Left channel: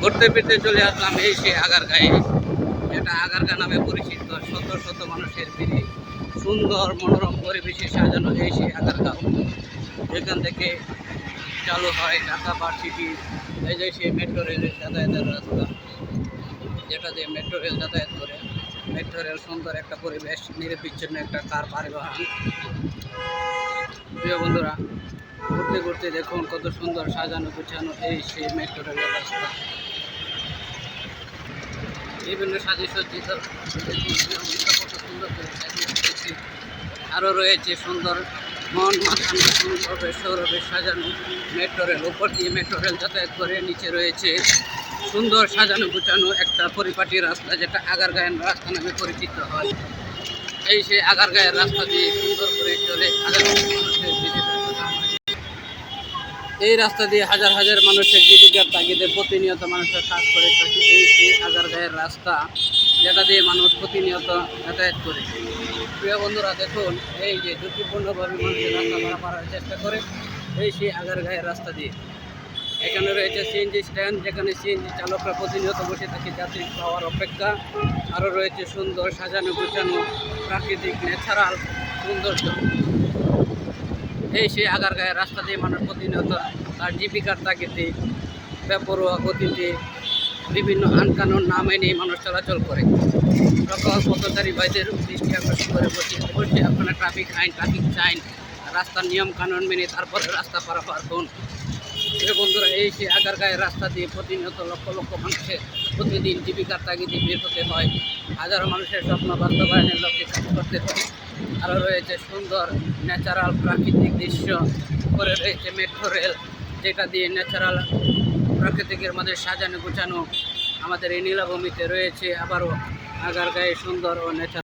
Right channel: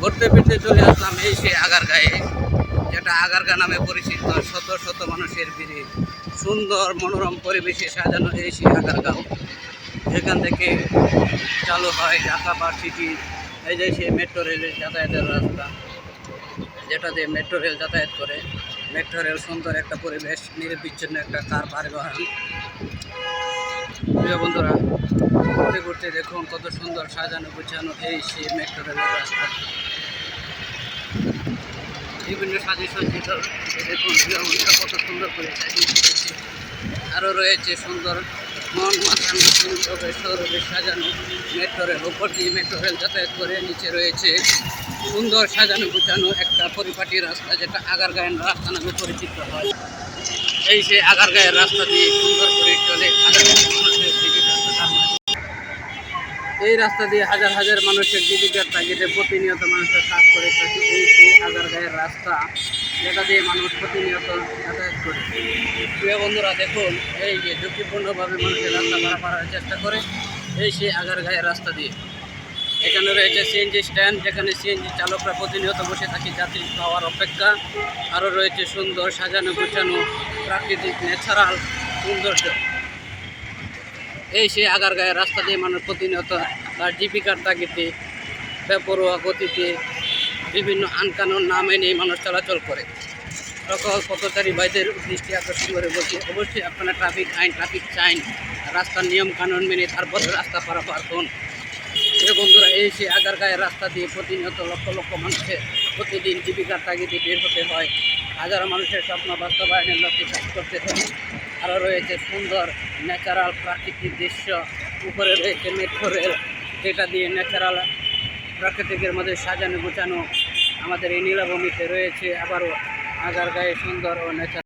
ঘুরতে ফিরতে চলে আসলাম এই সে আগারগাঁয়ে, যেটা আগারগা নামে পরিচিত, শত শত মানুষের ভিড়ে। সুন্দর মনোরম পরিবেশে সাজানো এই সে আগারগাঁও, যেখান থেকে চালু হয় ঢাকা ভার্সিটি, এই যে সেই মেট্রো রেলের যাতায়াতের রাস্তা, যেটা দিয়ে মেট্রো রেল যাতায়াত করে। মেট্রো রেল সুন্দর একটা পরিবেশ, নিরবিচ্ছিন্ন একটা কার পরিবহন প্রিয় বন্ধুরা, ঘুরতে ঘুরতে দেখুন কত সুন্দর সাজানো গুছানো এই সেই মেট্রো রেলের রাস্তা। বিভিন্ন সাজে সজ্জিত দেখুন কত সুন্দর করে সাজিয়ে রেখেছে। আরও রয়েছে সুন্দর মন মাখানো, সুন্দরভাবে সৌরভে সাজানো মেট্রো রেল। উপর দিয়ে মেট্রো রেল যাতায়াত করে নিচে রয়েছে সুন্দর সাজানো গুছানো একটা পরিপাটি রাস্তা, যেটা আগারগাঁয়ের রাস্তা নামে পরিচিত হয়। এই সে আগারগাঁয়ের রাস্তা দিয়ে সুন্দর করে চলে হাজার এই রাস্তা দিয়ে হাজার হাজার মানুষের জীবিকার তাগিদে প্রতিনিয়ত মানুষের কাজ করে থাকে, এই সেই আগারগাঁয়ের রাস্তা যেটা দিয়ে মানুষ প্রতিনিয়ত যাতায়াত করে। প্রিয় বন্ধুরা, দেখুন, এই যে ঝুঁকিপূর্ণভাবে মানুষের রাস্তা পারাপার চেষ্টা করে, এই সেই আগারগাঁয়ের রাস্তা দিয়ে। এখানে রয়েছে সিএনজি স্ট্যান্ড যেখানে সিএনজি চালকরা প্রতিনিয়ত বসে থাকে যাত্রী পাওয়ার অপেক্ষা। আরও রয়েছে সুন্দর সাজানো গুছানো প্রাকৃতিক ন্যাচারাল সৌন্দর্য। এই সেই আগারগাঁয়ের রাস্তা দিয়ে মানুষ প্রতিনিয়ত তার জীবিকার তাগিতে বেপরোয়া গতিতে বিভিন্ন আনকানুন না মেনেই মানুষ চলাচল করে। সকল পথচারী ভাইদের দৃষ্টি আকর্ষণ করে বলছি, অবশ্যই আপনারা ট্রাফিক আইন, ট্রাফিক চাইন, রাস্তার নিয়ম কানুন মেনে তারপরে রাস্তা পারাপার প্রিয় বন্ধুরা, এই সেই আগারগাঁয়ের রাস্তা দিয়ে প্রতিনিয়ত লক্ষ লক্ষ মানুষের প্রতিদিন জীবিকার তাগিদে বের হতে হয়। হাজারো মানুষের স্বপ্ন বাস্তবায়নের লক্ষ্যে কাজ করতে হয়। আরও রয়েছে সুন্দর ন্যাচারাল প্রাকৃতিক দৃশ্য। উপরে রয়েছে মেট্রো রেল যেটা দিয়ে ন্যাচারাল প্রাকৃতিকের মধ্যে সাজানো গুছানো আমাদের এই নীলাভূমিতে রয়েছে। আবারও আগারগাঁয়ে সুন্দর ও ন্যাচারাল